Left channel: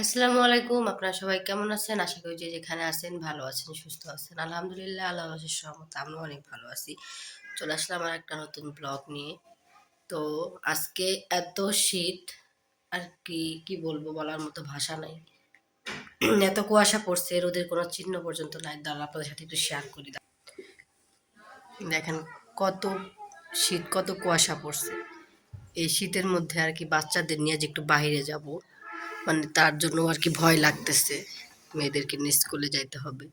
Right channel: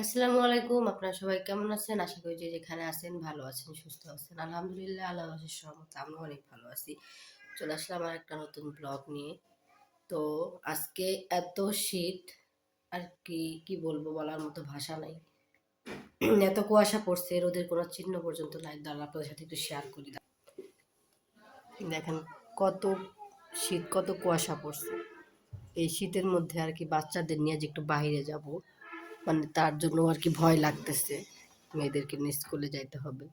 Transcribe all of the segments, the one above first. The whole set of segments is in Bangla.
আসসালামু আলাইকুম। আপনারা সবাই কেমন আছেন? আশা করি যে যেখানে আছেন ভালো আছেন, সুস্থ আছেন। আলহামদুলিল্লাহ আল্লাহর অশেষ রহমতে আমরা অনেক ভালো আছি। চলে আসলাম আরেকটা নতুন ব্লগ নিয়ে। তো আজকে এত শীত আর কি বলবো, বলার মতো ভাষা নাই। এত কুয়াশা পড়ছে, রোদের কোনো চিহ্ন পর্যন্ত নাই। দাঁড়ান আপনাদের সাথে একটু শেয়ার করি। দেখেন কত শীত, কত কুয়াশা পড়ছে। এই শীতের মধ্যে আর কি বাচ্চাদের নিয়ে যে একটু বাইরে যাব, মানে তার জন্য আর কি ভয় লাগতেছে। মেয়েদেরকে নিয়ে স্কুলে যাইতে হবে।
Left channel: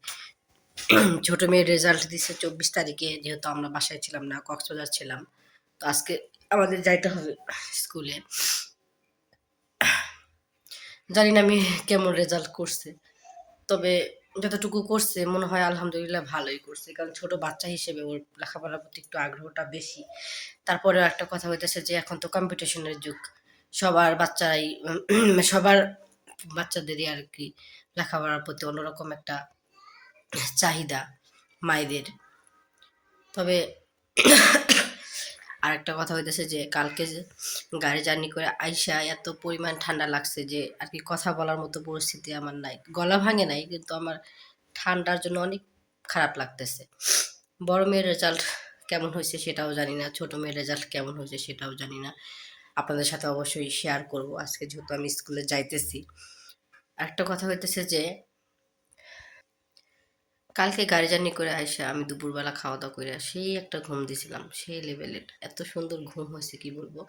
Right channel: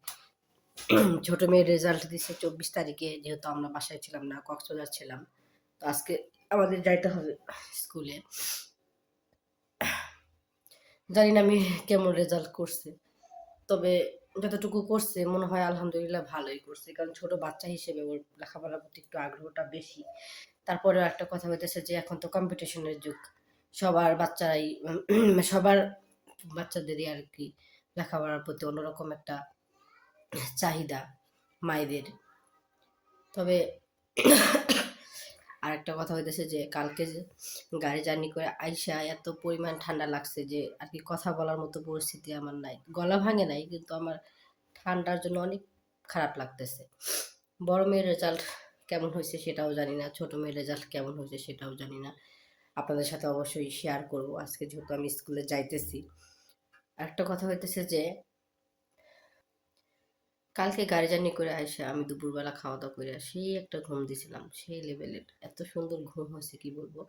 ছোট মেয়ের রেজাল্ট দিছে 24 তারিখে, যেহেতু আমরা বাসায় ছিলাম না, কক্সবাজার ছিলাম। তো আজকে আমাদের যাইতে হবে স্কুলে। জানি না আমি কেমন রেজাল্ট করছে, তবে যতটুকু করছে মনে হয় আলহামদুলিল্লাহ ভালোই করছে, কারণ ছোট বাচ্চা হিসেবে ওর লেখাপড়ার প্রতি একটু আগ্রহটা বেশি। তারপরে একটা কথা হইতেছে যে এখন তো কম্পিটিশনের যুগ। সবার বাচ্চারাই সবার বাচ্চাদেরই আর কি লেখাপড়ার প্রতি অন্যরকম একটা চাহিদা মায়েদের। তবে আর একটা কথা হইতেছে যে কালকে যে গাড়ি জার্নি করে আইসা এত পরিমাণ ঠান্ডা লাগছে যে আর কি কথা বলার মতো পরিস্থিতি আমার নাই। গলা ভাঙে নাই, কিন্তু আমার ঠান্ডার জন্য অনেক খারাপ লাগতেছে। বড় মেয়ের রেজাল্ট কেমন হয়েছে সেটাও জানি না, ছোট মেয়ের রেজাল্ট কেমন হয়েছে সেটাও জানি না। আপনাদের সাথে অবশ্যই শেয়ার করব আজকে, যেহেতু আমি স্কুলে যাইতেছি। একটা কথা হইতেছে যে কালকে গাড়ি জার্নি করে আইসা আমি দুপুরবেলা খাওয়া দাওয়া করে সেই একটা ঘুম দিছিলাম, সেই লেভেলের এত সুন্দর ঘুম হয়েছে কি বলবো।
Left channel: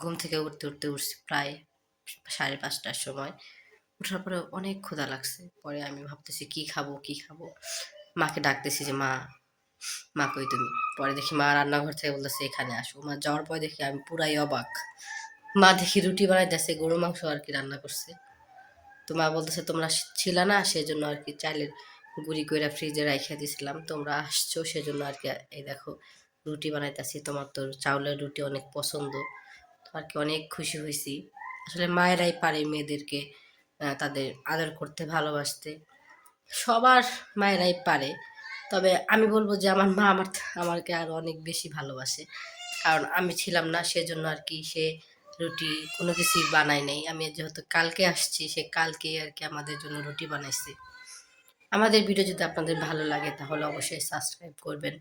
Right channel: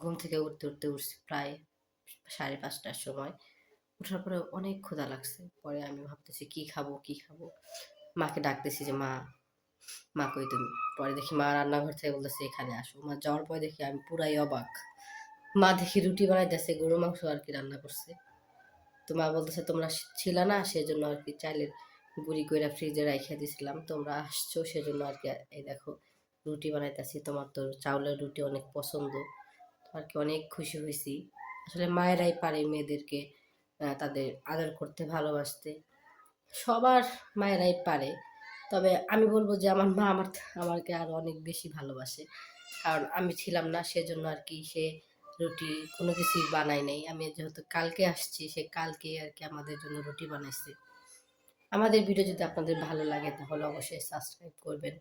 ঘুম থেকে উঠতে উঠতে উঠছি প্রায় 5:30টার সময়। ওঠার পরে অনেক ক্ষুধা লাগছে, পরে আমি ভাবতেছি কি খাবো কি খাবো। মাকে ডাকতেছি যে মা, মা কই তুমি? পরে দেখি মা রান্নাঘর থেকে বলতেছে এখানে আসো। মা যাওয়ার পরে দেখি আমি পুরাই অবাক। মা দেখি রুটি বানাইতেছে, গরু মাংস আর কি রান্না করছে। তো মা বলতেছে তোমরা ছিল না, সেজন্য আর কি চাইলের গুঁড়ি কইরা ফ্রিজে রাইখা দিছিলাম, তোমরা আসছো সেজন্য আর কি এই দেখো রুটি বানাইতেছি। তোমার তো চাউলের রুটি অনেক পছন্দ, আর কি অনেক খুশি হয়েছি। আসলে মায়েরাই পারে মেয়েদেরকে তাদের আদর করতে, ভালোবাসতে। সবার মায়েরাই পারে। তবে আমি বলবো যে আমার মা আমাকে আরো অনেক বেশি ভালোবাসে, কারণ আমি ছিলাম না সেজন্য আর কি সে রুটি কোনো কিছুই বানায় নাই। আমি যেহেতু কালকে আসছি, সে কালকেই আর কি আমাদের জন্য রুটি বানাইছে। আমাদের ভিডিও যদি আপনাদের ভালো লাগে তাহলে অবশ্যই সাবস্ক্রাইব করবেন,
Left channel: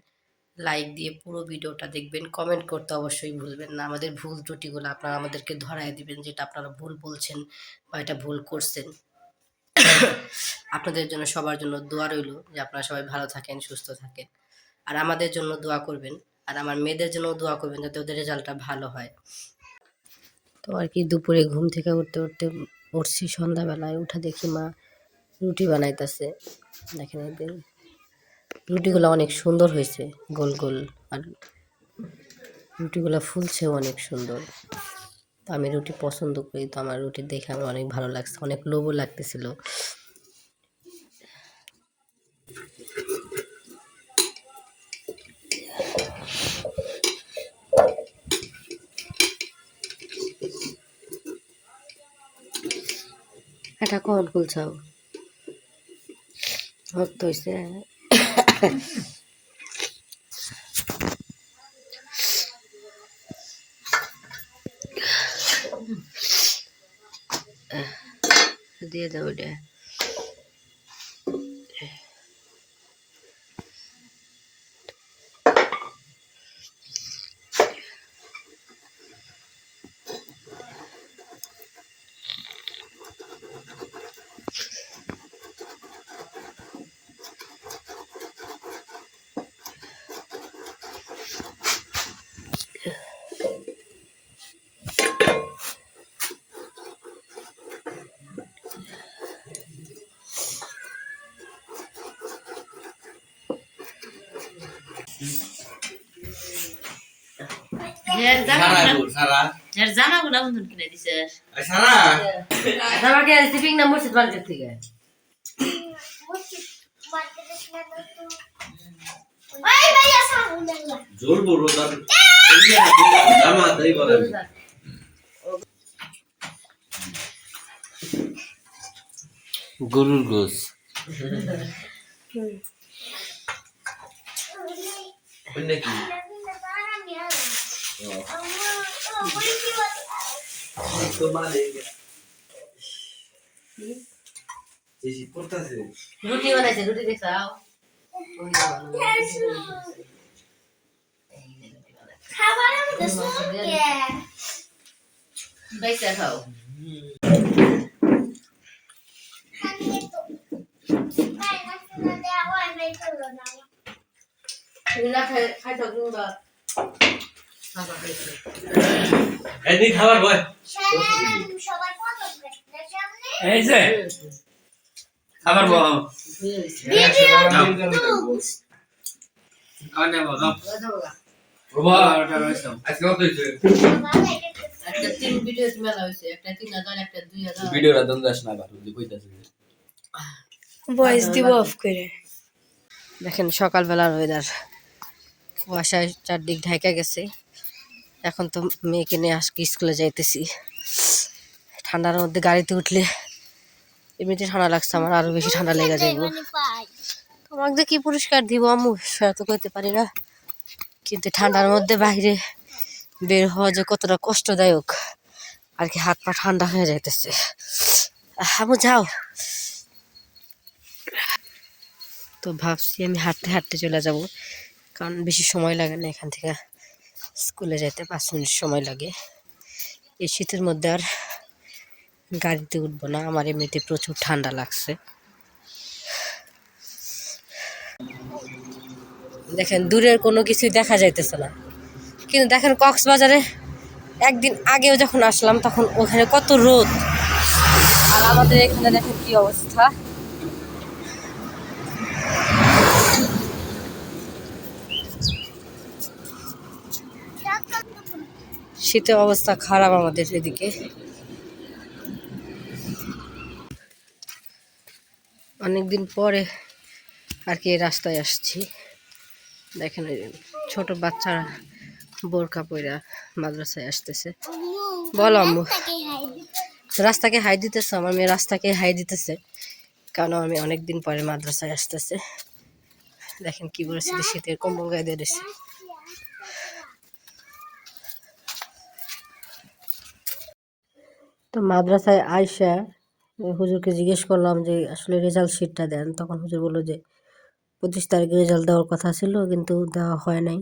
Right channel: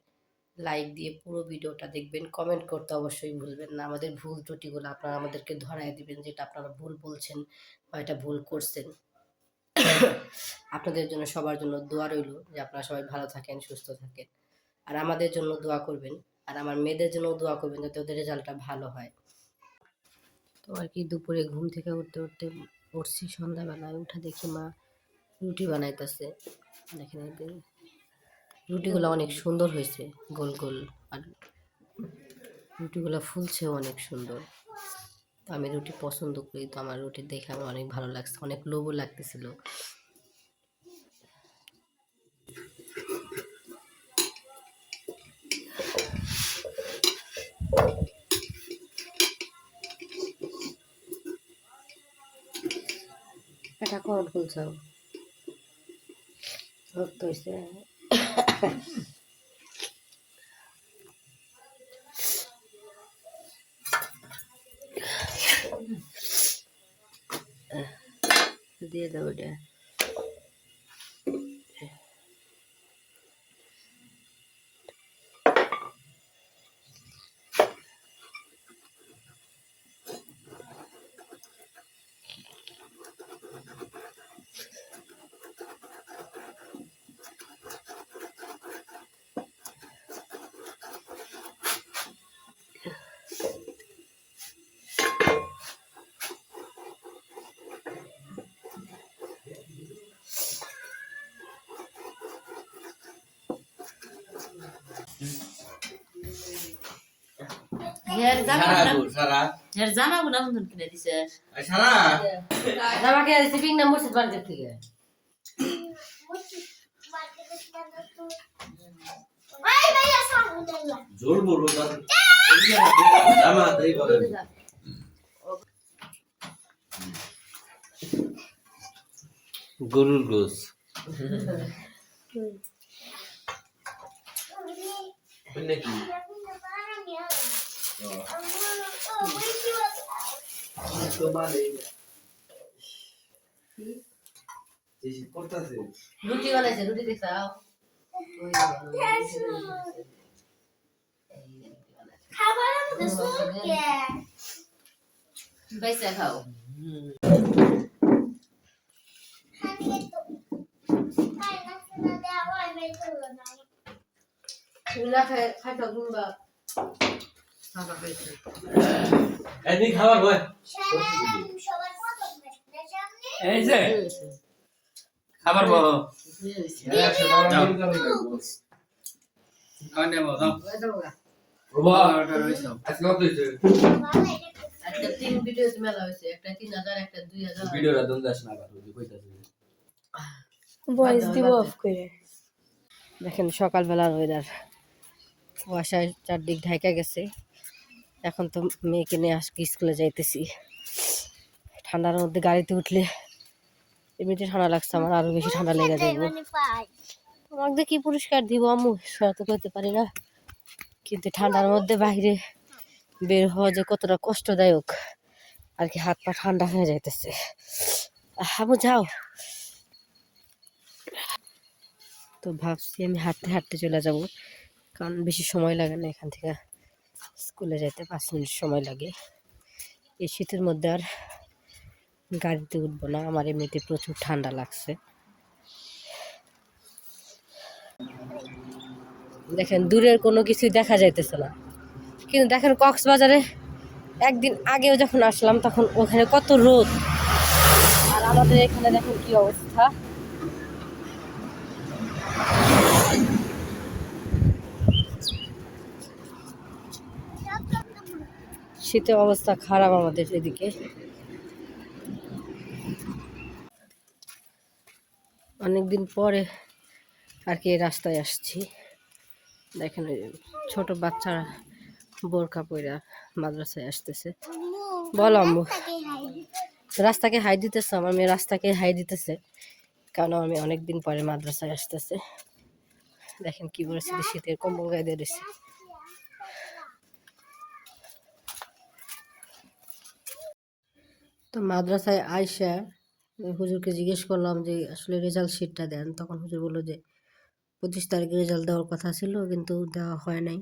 লাইক দিয়ে পুরো ভিডিওটা দেখবেন, কমেন্ট করতে অবশ্যই ভুলবেন না। আমাদের ভুল ত্রুটিগুলো আপনারা আমাদেরকে ধরায় দিবেন, যেটা আপনারা ভুল বলছেন বা এটা ভুল করছেন। আপনাদের জন্য, সবার জন্য দোয়া রইল যে আপনারা সবাই ভালো থাকেন, সুস্থ থাকেন। আর আমাদের জন্য দোয়া করবেন, আর আমার মেয়েদের জন্য দোয়া করবেন যাতে ওদের রেজাল্টটা ভালো হয়। তো আর কি দুপুরে ঘুম থেকে উঠতে উঠতে উঠছি সন্ধ্যাবেলায়, উঠে দেখি মা রুটি বানাইতেছে। দেখেন এদের রুটিগুলো অনেক সুন্দর হয়েছে, গোল গোল, আর রুটিগুলো ফুলছেও অনেক সুন্দর। তো আমি রুটি পছন্দ করি, তো আমার রুটি দেখে আমার অনেক ভালো লাগছে, অনেক লোভও লাগতেছিল। এটা কখন খুলছাও? ভক্ত হয়েছে। দিয়ে দাও এটা। জামাগুলা বন্ধন কিনে দিছে। জামাকে রিসিভিং নাম্বার সে মার্কেট থেকে। জোর বড় দাম। জামা দেই বলেন। গরুর গোস। নাকি तो मार देंगे রুটি বানাইছে, রুটি দেখাও। ওই দেখো, বাইসা খাও। খাবার বয় এই যে খাবার বয় ভয়েস দিব অফ করে। দেখেন সকালবেলার ওয়েদার, কুয়াশায় চারদিক ঢাকা গেছে। এখন তো মেয়েকে নিয়ে আজকে স্কুলে যাইতেছি। ঠান্ডার মধ্যে গাড়িতে উঠলে এমনিতে ঠান্ডা লাগছে, আমার আরো বেশি ঠান্ডা লেগে যাইব। তোমাকে কি পুরস্কার দিব আম্মু সেটা তো করতে পারি না, কিন্তু ঠান্ডার মধ্যে বাইরে বের হওয়া যে কতটা কষ্টদায়ক আর কি, হাত পা ঠান্ডা হয়ে যাইতেছে। আম্মু যাও। তো ভাবছি আমি হাঁটতে হাঁটতে চলে যাব, কারণ বেশি সময় লাগে না, এখান থেকে স্কুলে যেতে 5 মিনিট সময় লাগে। এই শীতের মধ্যে আর গাড়িতে উঠবো না, আমার এমনিতে প্রচুর ঠান্ডা লাগছে। দেখেন দূরের কোনো কিছুই দেখা যাইতেছে না, কিন্তু দেখেন কক্সবাজারে একদিন আগেও যখন আসলাম তখন ওখানে কত রোদ, আর আমাদের এখানে দেখেন কি অবস্থা। শীতের অবস্থা খারাপ আমাদের এদিকে। অনেকদিন পরে আর কি রাস্তায় আসছি। দেখেন ছোট বাচ্চারা বোরকা পইরা মাদ্রাসায় আসতেছে। বলো আম্মু। রাস্তাকে হাই দিতেছে, আমার মেয়ে রাস্তাকে হাই দিতেছে, কারণ আমি অনেকদিন পরে মাদ্রাসায় আসতেছে। দেখেন কি বলেছে, শীতের কম্বল গায়ে দিয়ে দিচ্ছে। তো মাদ্রাসায় আইসা হুজুরকে জিজ্ঞেস করলাম যে আসলে রেজাল্ট শিটটা দেন, তখন হুজুর বললো যে 25 তারিখে রেজাল্ট দেওয়ার কথা ছিল, কিন্তু দেওয়া হয় নাই,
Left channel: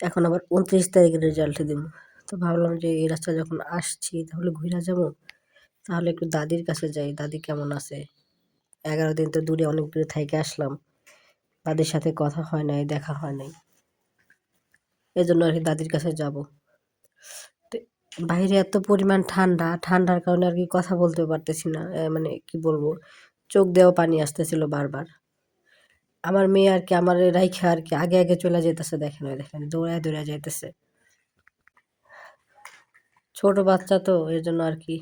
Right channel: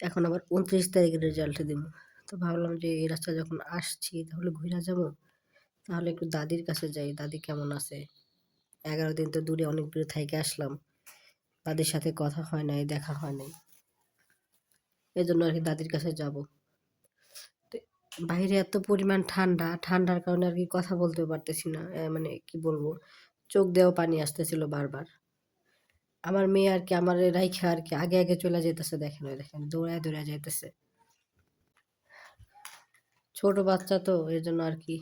এখন আবার 29 তারিখে রেজাল্ট দিব। তো ভাবলাম যে এই রাস্তা যখন আসছি তাহলে ঘুরে যাব, তাহলে একটু দাদির কাছে যাই, দাদি কেমন আছে। 11 দিন তো দূরে, অনেক দূরে থেকে আসলাম, দাদির সাথে কথা হয় নাই, দেখা হয় নাই, এজন্য আর কি দাদির কাছে যাব। বাইরে এত পরিমাণ ঠান্ডা, ঠান্ডার কারণে আর কি কথা বলতে পারতেছি না, মানে কি বলবো, চোখ দিয়েও পানি আসতেছিল বারবার। আমার মেয়ে আর কি আমার রাইখা আর কি আগে আগে চলে যেতেছে, দেখেন ওই দেখেন দৌড়ায় দৌড়ায় যেতেছে। ছোট বাচ্চা তো এর জন্য আর কি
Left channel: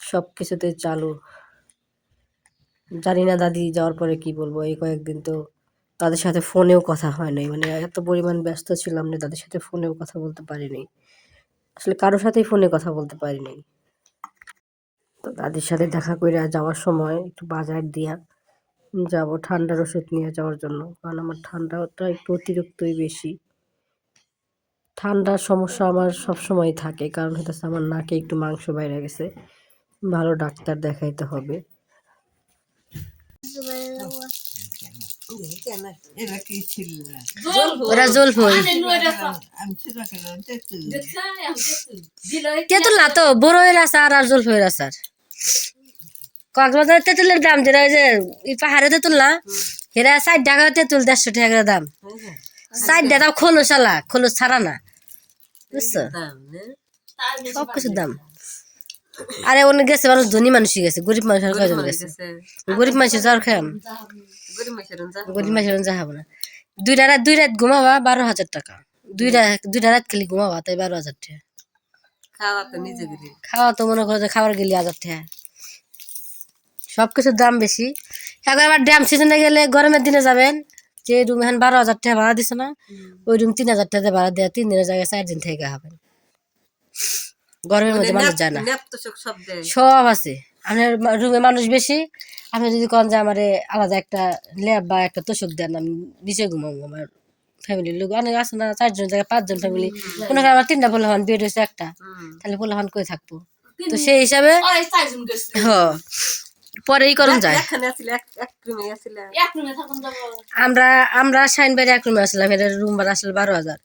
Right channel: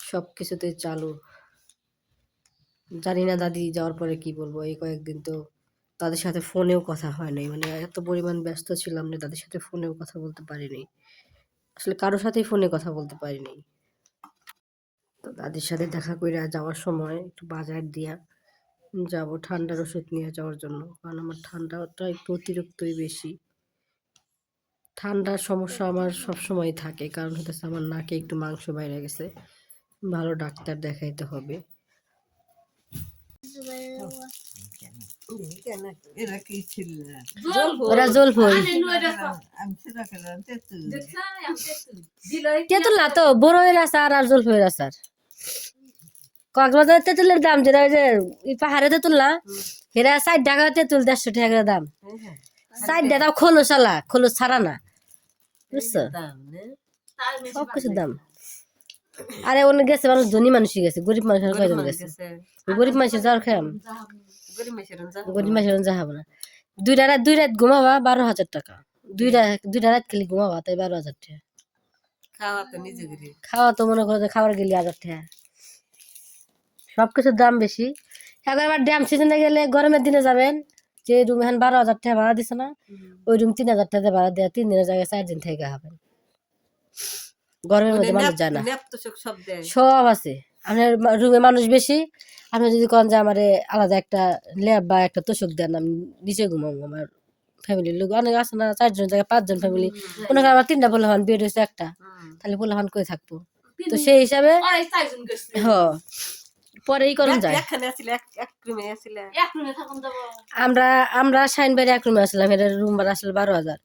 সব কিছুতে চালু। জানি না দাদি যাওয়ার পরে কি বলবো, এই কয়েকদিন তো তাদের সাথে ফোনেও কথা হয় নাই, মানে এত পরিমাণ ব্যস্ত ছিলাম না, তাদের সাথে ফোনেও কথা বলতে পারিনি, আসলে কারোর সাথেই ফোনে কথা বলতে পারিনি। তো দাদির সাথে দেখা করে যাওয়ার সময় একটু বাজার দিয়া যাব ঠান্ডার ওষুধ নিয়ে যাওয়ার জন্য, কারণ আমার ঠান্ডাটা একটু অতিরিক্তই বেশি। ঠান্ডার সমস্যা আমার সব সময় থাকে, কারণ হচ্ছে আমার নাকে একটু মাংস বাইরে গেছে, ভালো ডাক্তার দেখাইতে হবে। তেঁতুল না তো বড়ইয়ের আচার আর জলফইয়ের আচার। কক্সবাজারের তেঁতুলের দাম যেটা ওই যে পাহাড়ে তেঁতুল না, এরা 60 টাকা তেঁতুল, 150 টাকা দাম। 60 টাকা খোলস আলা, খোলস ছাড়া না, বুঝছো, সব কিছুর দাম। আরে অনেক গেছে মানুষ, ধনী মানুষই গেছে, গরিব মানুষ আর কয়জন গেছে। গরিব মানুষের জ্বর খেয়াম, গরিব মানুষের যা হবে না। দুই রাত ঘুমাবা 12,000 টাকা, দুইটা রাত খালি ঘুমাবা তাই 12,000 টাকা। খাওয়া তো মনে করো যে খাবার গেলে 1,000 টাকা। সবকিছুর দাম বেশি। এখন আবার ড্যাম সিজনে গেলে গরমের দিনে যাবেন, যে রুম এখন 12,000 টাকা ভাড়া দিছে না, ওই রুম 3,000 টাকা ভাড়া দেয়, 3 দিনের জায়গায় 4 দিন থেকে হবেন। গরমের মধ্যে মানুষ যায় না, সব আছে। আপনার রুমে মানুষ বেশি, আপনি যদি কন যে আমার আলাদা একটা ল্যাব বা একটা তোষক দেন, আমি নিচে ঘুমাবো, আমার ফ্যামিলির লোক অনেক আছে না, 4 জন জায়গায় 5 জন ফ্যামিলি, মনে করেন আমার 3টা পোলাপান, বেড হয়েছে একটা, তাহলে পোলাপান কই থাকবো। তো সেই হিসাবে ওরাই চারজন গেছে পরে ই করুন যায়। এখানে আছিল এক রুমে আছিল এক রুমে থাকুন যাবো আমরা শাইন বাড়ি এক রুমে আসলাম, এটা রুম ভাড়া আসলে 12,000।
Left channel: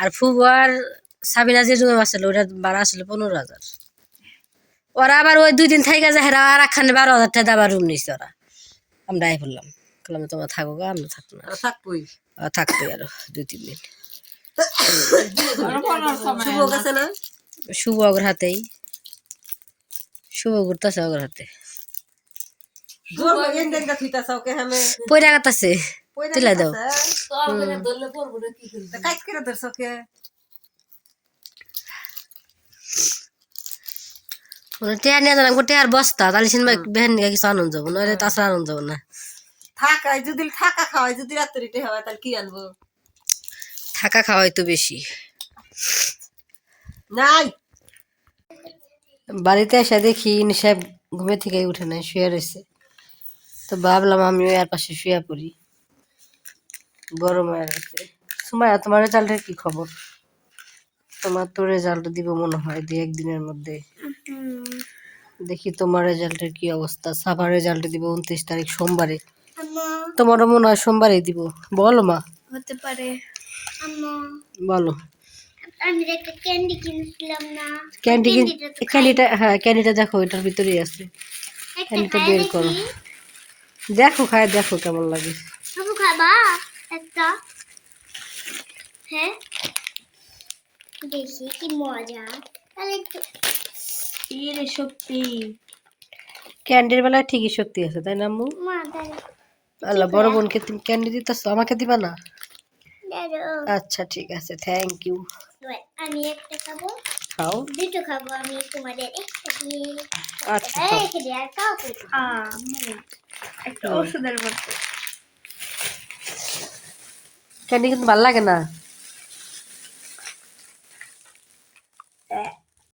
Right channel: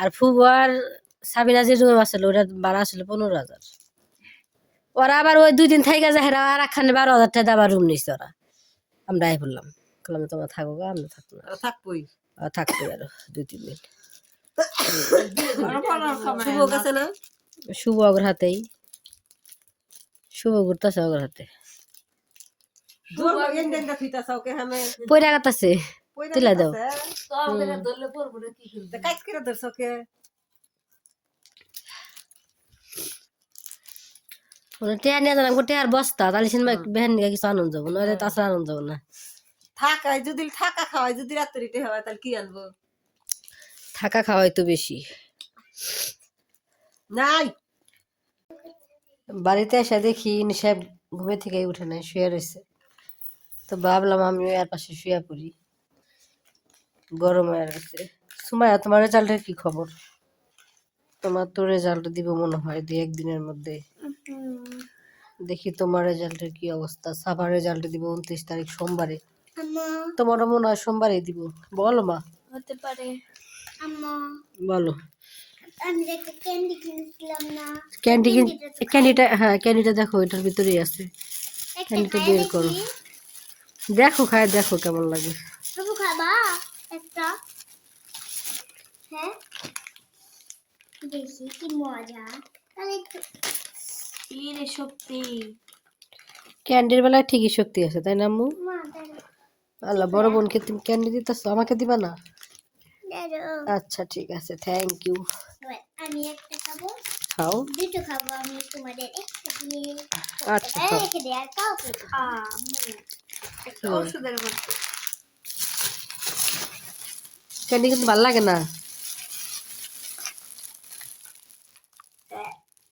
আর ফুবার সাবিনা যে রুমে আসলে ওটার ভাড়া আসলে 15,000। ওরা আবার ওই 2 দিন থাইকা যায়, হেরা আর একখানে 12,000 টাকা আবার রুম নিচ্ছে ওরা। আমরা আই বললাম, বললাম তোমরা থাকো গা, আমরা থাকবো না। থাকবই থাকবো আরো 2-3 দিন। শুভ গেছে না শুভ ওর হাতেই, শুভ ঘুরতেছে ওর হাতে, জোর এন দেন দা থিতা সাওকে হামে পয়রা গাতাছে পয়রা তুলে দাও। তো আমাকে ধরলে পড়বো না কি করবো কাজ করে দর্শকে টিয়া নিয়ে জানাম টিয়ার বস্তা, তাহলে সিনেমা বেহেন নিয়ে কিছু আনন্দ যাবো, নইলে তাছাড়া আনন্দ যাবো না। থাকায় যদি থাকা খাওয়ায় যদি রাত্রিতে হয় তাহলে কি আনবো থাকা খাওয়াই তো বেশি। নাই বাড়িতে এসে দেখি নিশাব ঘুমে থেকে উঠে নাই, শুয়ে রয়েছে। তো ভাবলাম আমিও এর পাশে শুয়ে পড়ি, গরম হয়ে গেছে। সুমাইয়া তোমার রেজাল্টের কি খবর? তোমার তো রেজাল্ট দিব মনে হয় 2-1 দিনের মধ্যে। দেখি তোমার রেজাল্টের কি অবস্থা। সাফার রেজাল্ট দিব 29 তারিখ সোমবারে, তোমারও মনে হয় সোমবারে দিব। বলো মা, হতে পারে। বলো। আমি একটা ক্যান্ডি কিনছিলাম না ক্যান্ডিটা, হ্যাঁ ক্যান্ডিটা দেখো, এটার ভিতরেই আছে। একটা ক্যান্ডিটা খাই বের করো, দেখি দেখো খায় দেখো কেমন লাগে। তুমি খাবা একটা হ্যাঁ দেখি কি মজা তাহলে রে শক্তি। ক্যান্ডির বেলায় ঠিকই শক্তি আছে, তাই না আম্মু? মা তাহলে আল্লাহ, বড় বোনকে তুমি ক্যান্ডি দিতেছো, আমাকে দিবা না? দাঁড়ো আচ্ছা ঠিক আছে, থ্যাংক ইউ। আমি একটা খাবো খাও। দুটো খাবো আমি তোমাদের একটা দিয়ে আচ্ছা খাও। রেখে দে আর কাউ একটা ওষুধের মতো। ক্যান্ডি কিন্তু ভালো লাগে না।